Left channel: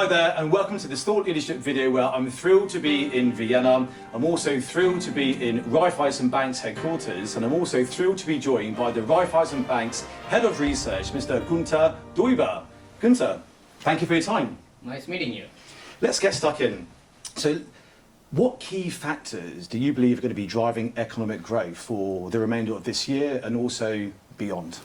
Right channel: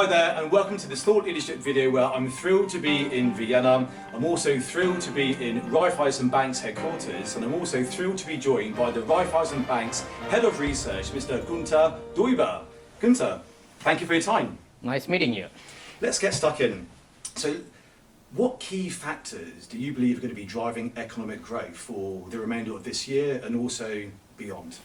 Hi there and welcome to this thought leadership video where I'm thrilled to be in Vienna. I'm also thrilled to be in Raiffeisen Bank's headquarters, and I'm also thrilled to be joined by the Raiffeisen Bank's Head of Research, Mr. Gunter Deuber. Gunter, thank you for your time. Nice meeting you. Let's get stuck in. So, what key factors do you believe are going to be driving economic growth for the remainder of this year and also beyond?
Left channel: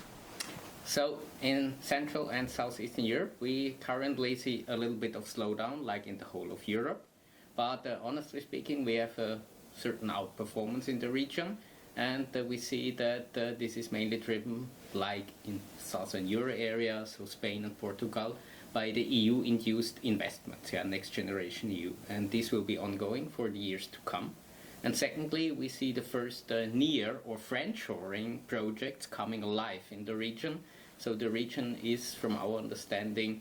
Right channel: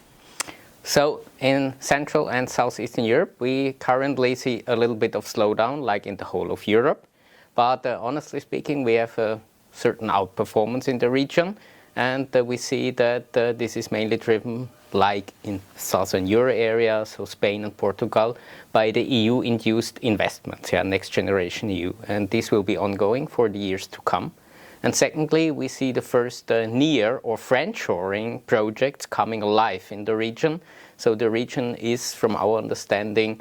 So in Central and Southeastern Europe, we currently see a little bit of slowdown, like in the whole of Europe. But honestly speaking, we have a certain outperformance in the region, and we see that this is mainly driven, like in Southern Euro area, so Spain and Portugal, by the EU-induced investments, next generation EU. And this will be ongoing for the years to come. And secondly, we see the first near or friendshoring projects coming alive in the region. So the region is, from our understanding,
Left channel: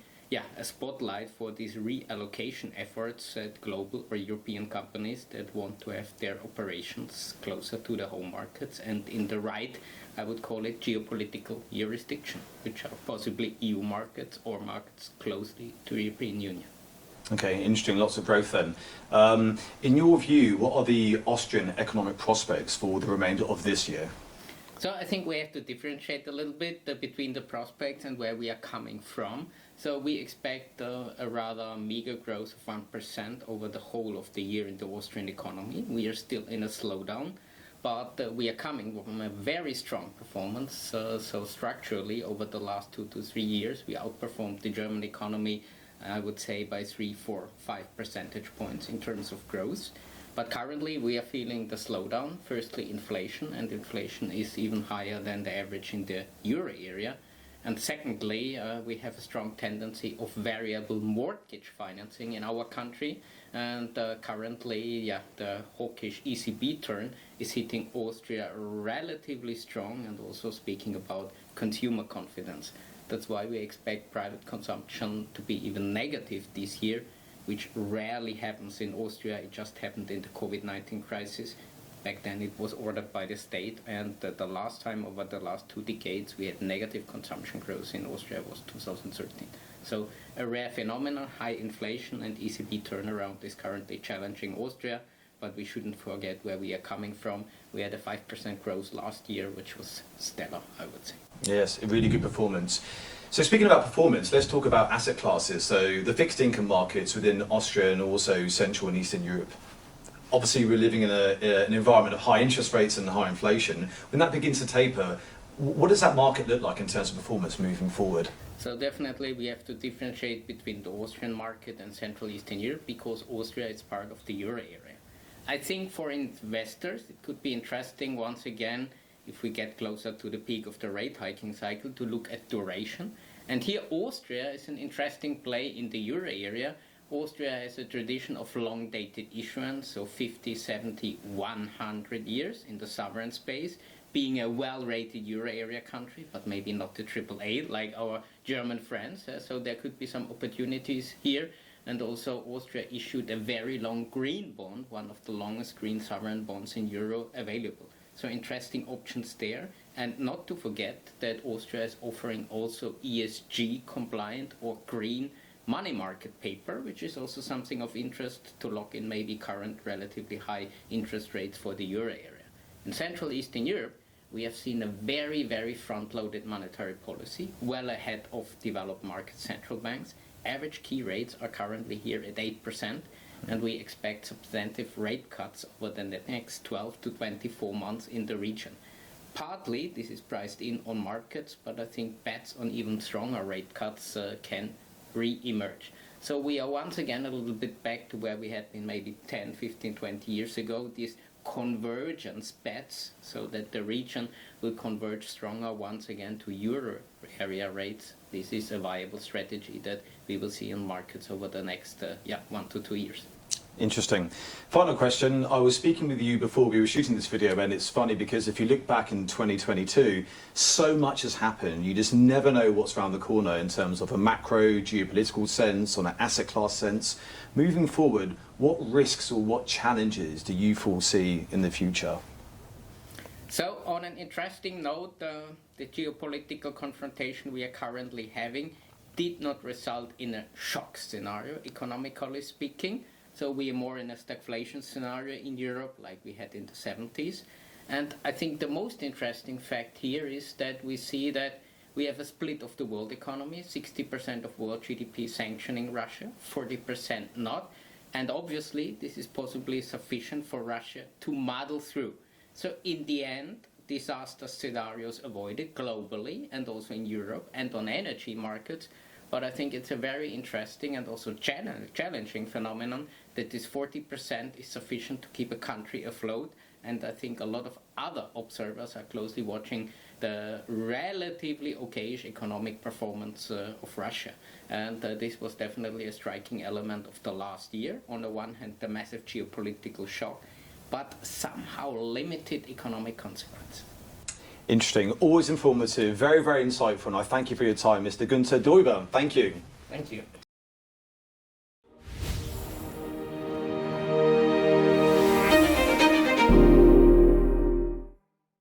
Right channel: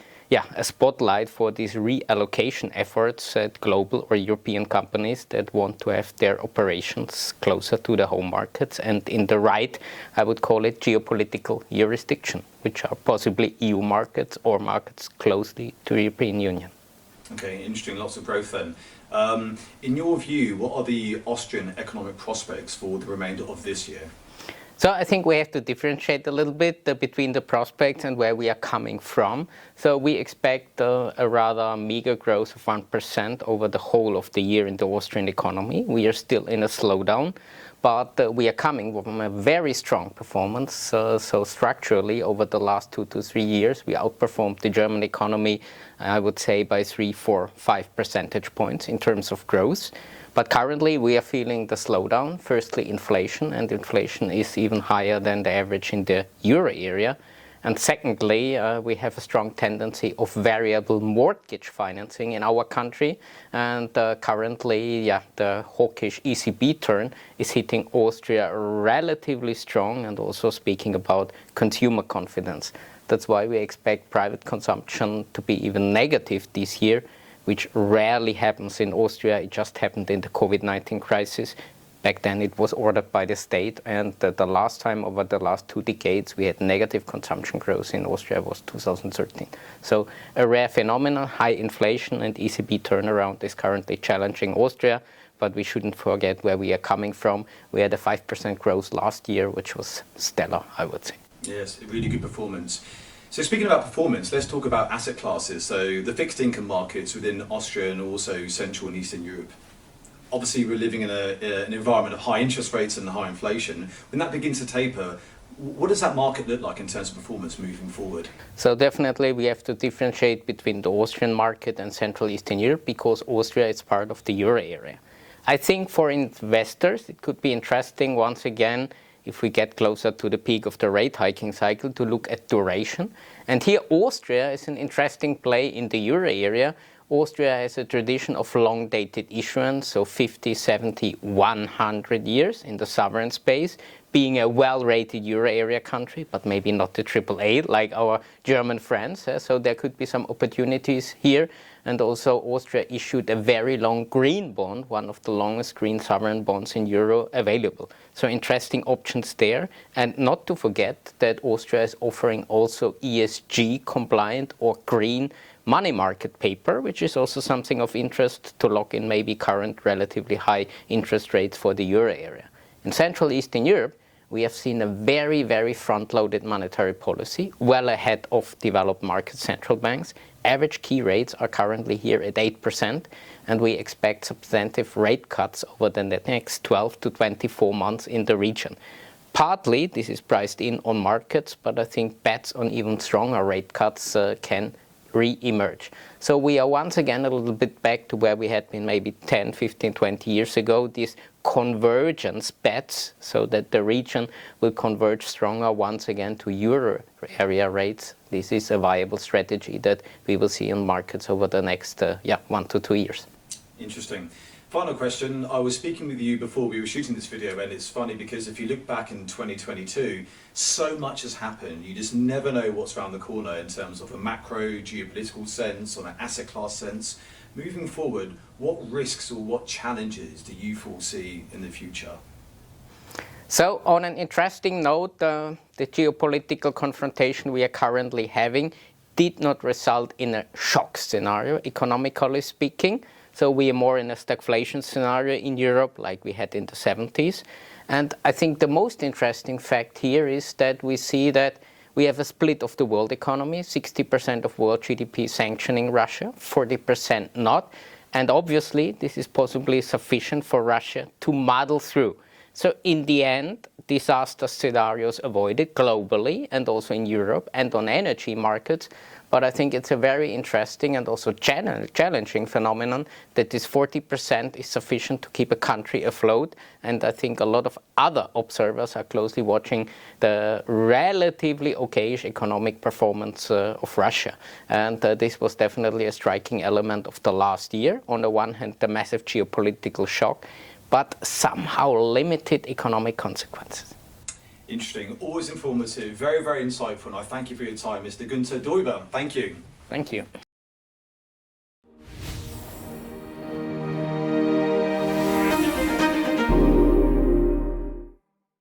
a spotlight for these reallocation efforts at global or European companies that want to have their operations closer to the home markets and in the right, I would call it, geopolitical jurisdiction, which are possibly EU markets or markets closely to the European Union. Okay, interesting, lots of growth then. In your view, what are the Austrian economic prospects for the remainder of this year? So I think we have to differentiate a little bit between the prospects and where we are coming from. So we expect a rather meager growth of 1% over the whole of the year in the Austrian economy. We are still in a slowdown, but we are coming from a very strong performance. So structurally, over the last 2 to 3 years, we outperformed the German economy, I would say, by 3, 4, 5 percentage points in terms of growth. But currently we are feeling the slowdown. Firstly, inflation, and inflation is even higher than the average in the euro area. And secondly, we have a strong tendency of variable mortgage financing in our country. And currently, the hawkish ECB turn is hitting Austria relatively strong, and also speaking about consumer confidence. That's why we expect private consumption to be even negative this year, which rarely happens in Austria. It just happened in the COVID-19 crisis. Back then it was ordered by the state, and the last time over the last 2 decades we had negative consumption growth in Austria was 2013. So a rare phenomenon, high inflation and ECB turnaround is currently challenging Austria, but we shouldn't forget where we are coming from. We had a 5% growth last year, which was stellar, I would say. Yes, a really good performance. So speaking about performance, let's talk about asset classes. So the fixed income markets within Austria and also Central and Eastern Europe. Obviously, we're living in an environment of high interest rates and high inflation. When that begins to taper, what does that market look like in terms of performance moving forward? So definitely we have to differentiate between the Austrian market and Central Eastern Europe, because Austria is part of the euro area. I think for investors it could be interesting once again, if we get closer to the peak of the rate hiking cycle, to look at duration. And here Austria is an interesting play in the euro area. Austria has a tradition of long-dated issuance, so 50, 70, 100 years in the sovereign space, being a well-rated euro area country, but maybe not the AAA like our German friends. So there could be some opportunities here. And also Austria issued a very long green bond, one of the longest green sovereign bonds in euro available. So interesting options there. And not to forget that Austria is offering also ESG compliant or green money market paper, which is also something of interest to lock in maybe current relatively high interest rates for the euro area. In Central Eastern Europe, we have seen a very, very front-loaded monetary policy, well ahead of developed market central banks. Average key rates are currently here at 8%, and we expect substantive rate cuts over the next 12 to 24 months in the region. Partly, this is priced in on markets, but I think bets on even stronger rate cuts can re-emerge. So we are once again a little bit back to where we had been maybe 10, 15, 20 years ago, these convergence bets, so that the region will converge stronger once again to euro area rates. This is a viable strategy that we will see in markets over the next 1 to 2 years. Interesting. Final question. I was speaking with you before we were shooting this video, and it's funny because if you look back in 2022, so much has happened. You just never know what's around the corner in terms of a macro geopolitical sense, on an asset class sense. Moving forward, what risks or what challenges do you foresee in the future? So on an interesting note, the geopolitical confrontation we are currently having did not result in a shock scenario, economically speaking. So we are more in a stagflation scenario in Europe like we had in the 70s. And I think the most interesting fact here is that we see that we have a split of the world economy, 60% of world GDP sanctioning Russia, 40% not. And obviously, this is possibly sufficient for Russia to muddle through. So in the end, disaster scenarios avoided globally and also in Europe and on energy markets. But I think it's a very interesting and also challenging phenomenon that this 40% is sufficient to keep a country afloat. And I think a lot of other observers are closely watching the relatively okayish economic performance of Russia. And this was definitely a striking element of the last year. On the one hand, the massive geopolitical shock, but somehow limited economic consequences. Interesting, always informative, very, very insightful, and I thank you for your time, Mr. Gunter Deuber. Thank you. Thank you.